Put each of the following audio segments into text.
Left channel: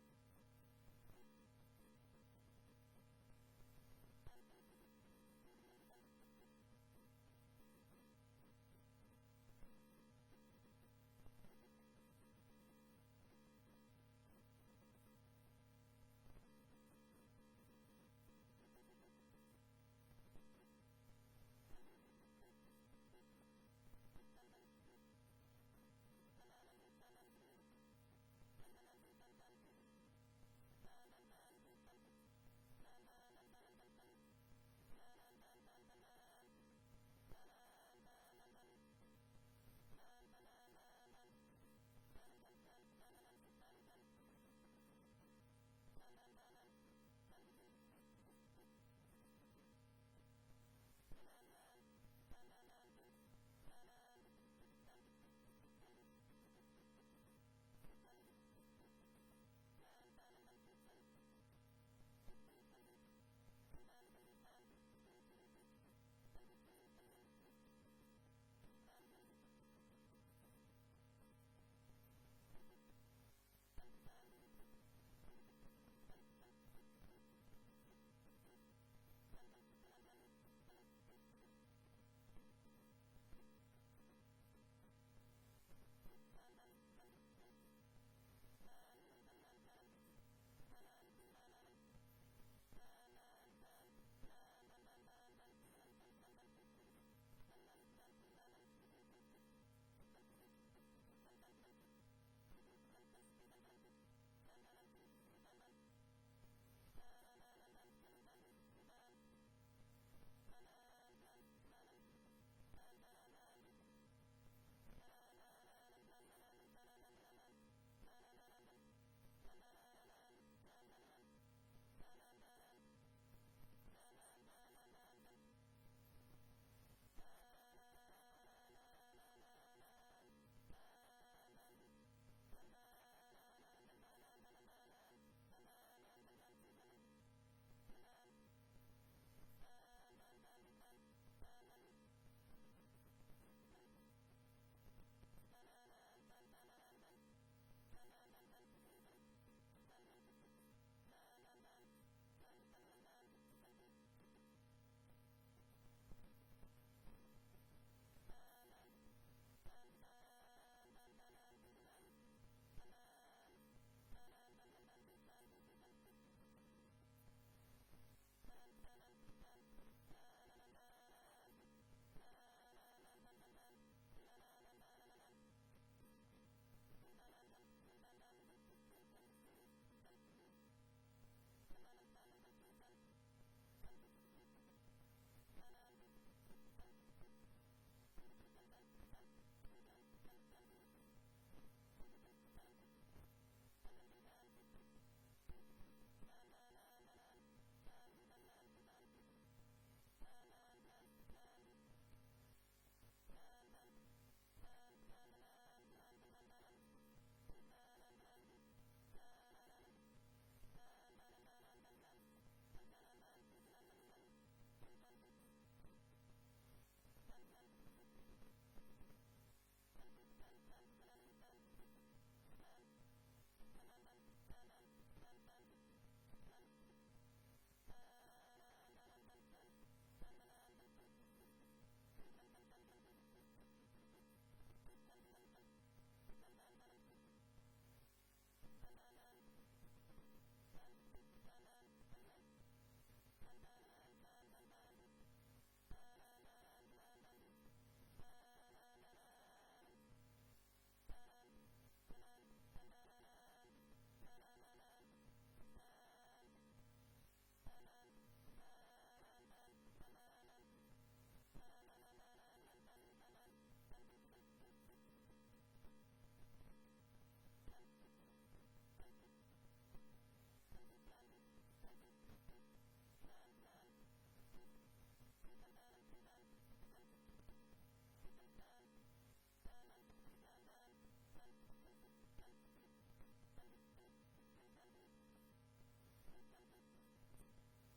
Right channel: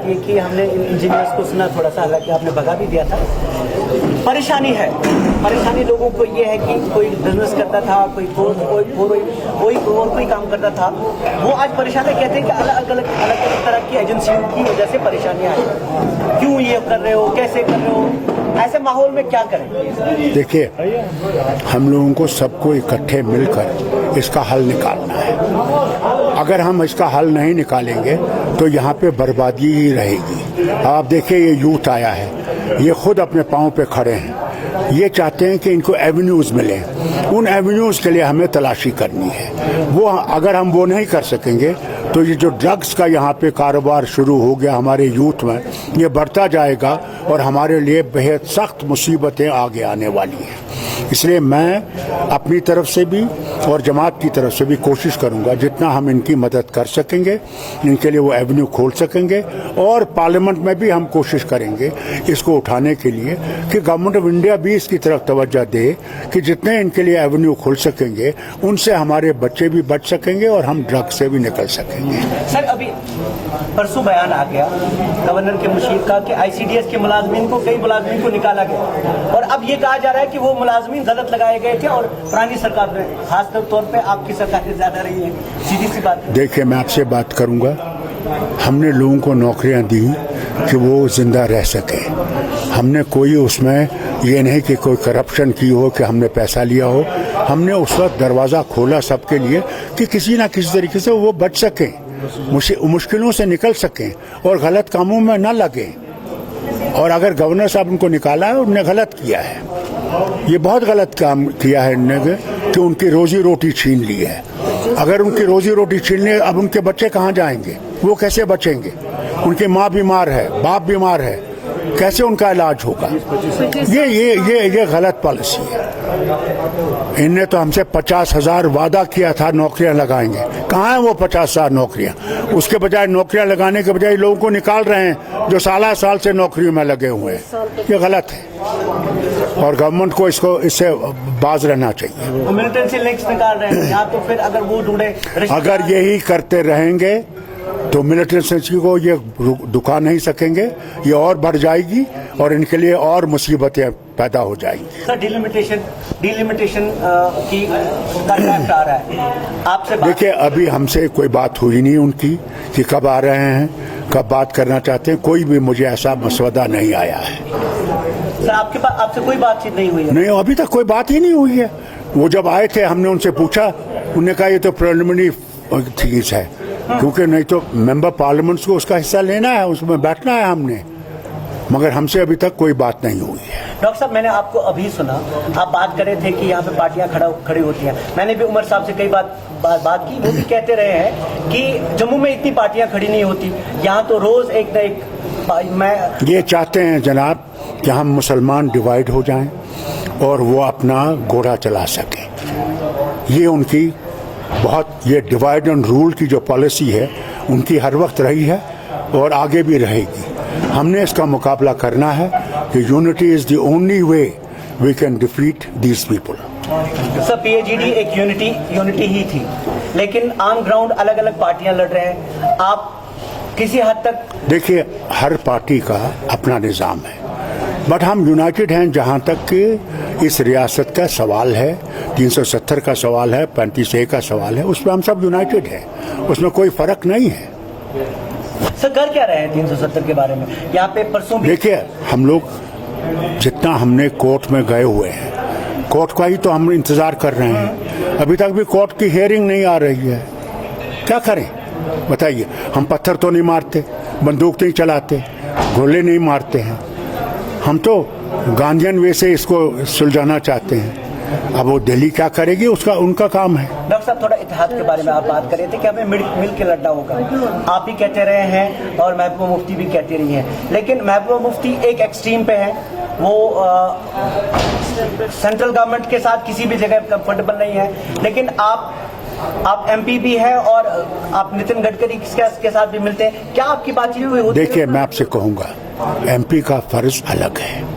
बात ये कि हमने इंजीनियर्स को सुना थोड़ा सा, हालांकि आपने भगा भी दिया था। परेशानी है, परेशानी लोगों को ये है कि कोई बिजनेस करता था, कोई काम करता था, वो आज परेशान है। कहते हैं कि अलग अलग तरह की एजेंसियों की वजह से परेशानियां आई। क्यों ये कर रहे हो, कैसे कर रहे हो, ऐसे माहौल में क्या करें? देखिए, हम लोगों को सबको इकट्ठे मिलकर इसका हल निकालना है। अगर हम इसका हल नहीं निकालेंगे तो यहाँ पे बर्बादी ही रहेगी। आप देखिए, ये यूथ आया है, ये खुद अपने पाँव पे खड़े हैं, ये चाहते हैं कि इनको एवेन्यूज मिले। उन एवेन्यूज के लिए हमें तलाशी करनी है। वो अगर हम वो नहीं कर सकेंगे तो ये जो ड्रग्स का यहाँ पे कारोबार शुरू हो गया हमारे यूथ में, ये बढ़ता जाएगा और हमारे लिए बेहद सख्त मुसीबतें आगे आने वाली हैं। इसलिए मैं अपनी तरफ से भी और जमात की तरफ से भी कोशिश करूंगा जितना हम इनकी मदद कर सकेंगे, इनके लिए वो एवेन्यू खोल सकेंगे। और पार्लियामेंट में भी हम कोशिश करेंगे इसको उठाने के लिए कि गवर्नमेंट ऑफ इंडिया भी इसकी तरफ तवज्जो दे कि जितने इनके लिए एवेन्यू खोल सकेंगे उनसे हमारे बच्चे भी बच सकेंगे और हम ड्रग्स से भी निकल सकेंगे। सर, अभी परसों बयान आ गया गवर्नर के मुशीर का कि आईसीडीएस के मुलाजमीन को, कई मुलाजमीन को निकाला गया और अब ये कहा जा रहा है कि वो मुलाजमीन गलत लगाए गए थे और पुरानी सरकार में, खास तौर पे आपकी सरकार ज्यादा रही है। सीधी सी बात। देखिए, मैं आपसे बात करूंगा, हमने लोगों को नौकरियां दी कि वो जिंदा रह सके। हमने कोई उसमें ये नहीं कि कोई करप्शन की हो, कि हमने पैसा लिया हो। हमने उस वक्त दरवाज़ा खोला सबके लिए कि किसी ना किसी तरीके से वो बच सकें, मुश्किलों से निकल सकें और गलत कामों में न लगें। और अगर गवर्नर साहब उनको निकाला है, उन्होंने गलत किया है, ये बहुत गलत काम किया है इन्होंने कि उनकी रोजी रोटी छीन ली है। अगर उनकी रोजी रोटी छीन ली, अब उनके बच्चे कहाँ जाएंगे, वो कैसे बचेंगे? उनकी माँ बीमार है, बाप बीमार है, कैसे उनका इलाज होगा? ये गलत पॉलिसी है। इनने तो हमसे 50,000 वादा किया था नौकरियां लगाएंगे, कहाँ है वो 50,000 नौकरियां? उसके बजाय नौकरियां लगाने के बजाय लोगों को निकाल रहे हैं जो साल से नौकरियों में लगे हुए हैं। ये गलत है और गवर्नमेंट को इससे बाज रहना चाहिए। मिलिटेंसी लिंक्स निकाल रहे हैं, या तो फिर अगर वो ढूंढे, अगर यही करते रहेंगे तो मिलिटेंसी को ये दुका नहीं सकेंगे, ये और बढ़ जाएगी और इनके लिए और मुसीबतें पैदा हो जाएंगी। सर, डिलिमिटेशन की ड्राफ्ट आ रहा है आपसे। देखिए, अभी हमसे कोई बात हुई नहीं उनकी कि कब आ रहे हैं, कब बात करना चाहते हैं। कोई भी मुझे ऐसा मसवदा नहीं आया है। सर, आपसे कोई बातचीत नहीं हुई है? नहीं, अभी तक कोई बात ही नहीं हुई है। वो जब आए थे हमने उनसे पूछा, उन्होंने कहा ये तो प्रिलिमिनरी चीज है, क्योंकि नहीं तो मेंबर पार्लियामेंट्स को उसका हिस्सा लेना है, उसमें बैठना है हमने, मगर हमसे अभी तक कोई बात नहीं हुई है। डॉक्टर साहब, मैंने आपको अभी सुना, आप बात कर रहे थे कि यहाँ पे पार्टियां खड़ी होती हैं। मैंने भी उमर साहब से कई बात की, वो भी कहते रहे हैं कि जम्मू में इतनी पार्टियां खड़ी नहीं होती, यहाँ तो रोज एक न एक। ये चाहते हैं जनाब कि हम मुसलमान डिवाइड हो जाएं और वो अपना घोड़ा चला सकें। ये उनकी ये डिवाइड एंड रूल की जो पॉलिसी है उनकी हर वक्त रही है और आगे भी रहेगी। हमने इसका मुकाबला करना है कि unity is the only way we can defeat these people. Sir, PAGD एक यूनिटी ही थी, लेकिन ऑन ग्राउंड अलग अलग पार्टियां लड़ रहे हैं। आप किसी हद तक देखिए, हर पार्टी का अपना निज़ाम है, बट हम यूनाइटेड हैं जहां तक कि इस रियासत का सवाल है, 370 का सवाल है, 35A का सवाल है, उसमें हम सब यूनाइटेड हैं, उसमें कोई फर्क नहीं है। सर, कर क्या रहे हैं 370 के बारे में? यहाँ पे परसों देखिए, हम लोग जितना हमने कोर्ट में गए हुए हैं, कोर्ट का ही तो हम इंतजार कर रहे हैं। अभी तक भी कोर्ट की हियरिंग नहीं आ रही है, क्या करें बताइए? हम पत्थर तो नहीं मारते, बंदूक नहीं चलाते, गोले नहीं मारते हैं, हम तो गांधीयन वे से इसको सुलझाना चाहते हैं। अब वो दिल्ली क्या करेगी, उसका उनका काम है। डॉक्टर साहब, थोड़ा इतिहाद के बारे में आप बात कर रहे थे कि हमें मिल के लड़ना होगा। आप भी कहते रहे हैं और महबूबा मुफ्ती भी कहती रही हैं, लेकिन महबूबा मुफ्ती एक एक्सट्रीम पे है, वो सेंट्रल गवर्नमेंट के साथ किसी भी जगह कंफर्टेबल नहीं है, लेकिन आप एमपी भी है और आप नितिन गडकरी के साथ भी मिलते हैं। क्या आपकी बातचीत हुई होती है? देखिए, मैं आपसे कहूँगा, एमपी का फर्ज अलग है।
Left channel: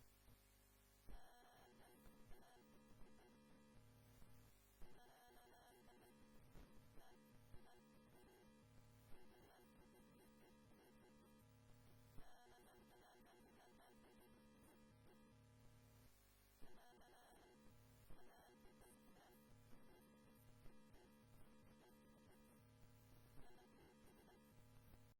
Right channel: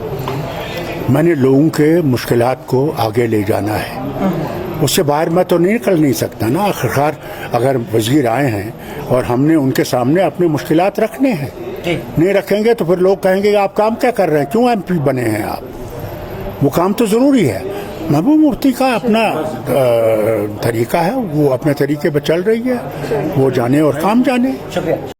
मैंने लोगों के मुश्किलात को आगे ले जाना है, उससे बाहर मैं तो निकल नहीं सकता ना। आखिरकार अगर वजीर आए हैं और हमने उनके सामने अपनी मुश्किलात रखने हैं, जी। नहीं रखेंगे तो फिर लोग कहेंगे कि आप काम क्या कर रहे हैं, क्यों एमपी बने हैं आप। वो काम तो जरूरी है। महबूब मुफ्ती का अपना तरीका है, वो अपने तरीके पर चल रही है, वो जाने और काम जाने। शुक्रिया।